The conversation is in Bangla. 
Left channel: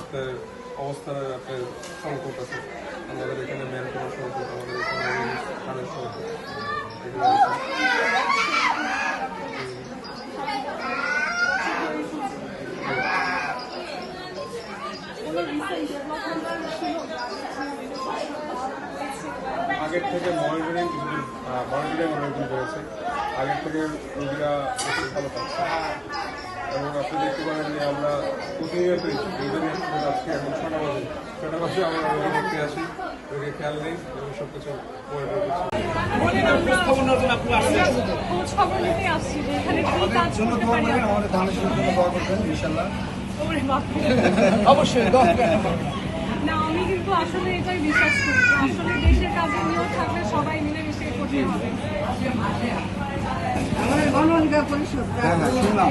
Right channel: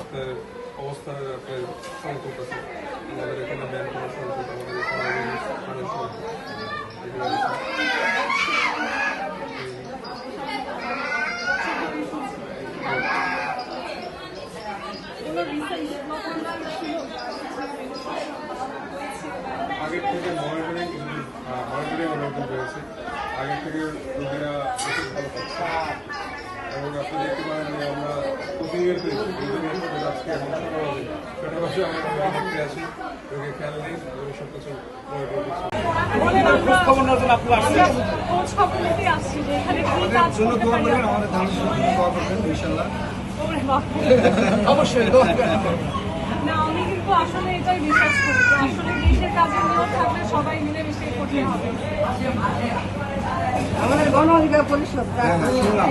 আপনার অবস্থার আপনার সংকট আছে। আমাদের এখানে ম্যান কোনো সংকট, আমাদের এখানে পানির সংকট, এগুলো আছে। আগের থেকে মনিটরিং অনেকদিন বেড়েছে। আগের থেকে রোগীরা প্রচুর ভালো পাচ্ছে এবং আপনি দেখতে পারেন যে আমরা প্রতিনিয়তই রোগীদের হাসপাতালে যাচ্ছি। এখন 6টা বাজে আমরা রোগী দেখতে আসি, রোগীর খেয়াল নেই এবং সব কিছু মনিটর করছি। খোঁজ খবর নিতে আসছি যে এখানে কি কাজ করতে পারি। আমাদের ধানের জন্য দোয়া করবেন ইনশাআল্লাহ। অবশ্যই না, আমি কিন্তু আসলে এটাই বিশ্বাস করি যে আসলে দেশের কাজে নিয়েও থাকলে সবাই মিলেমিশে করতে হবে। আমাদের গণ অধিকার পরিষদ শুনলাম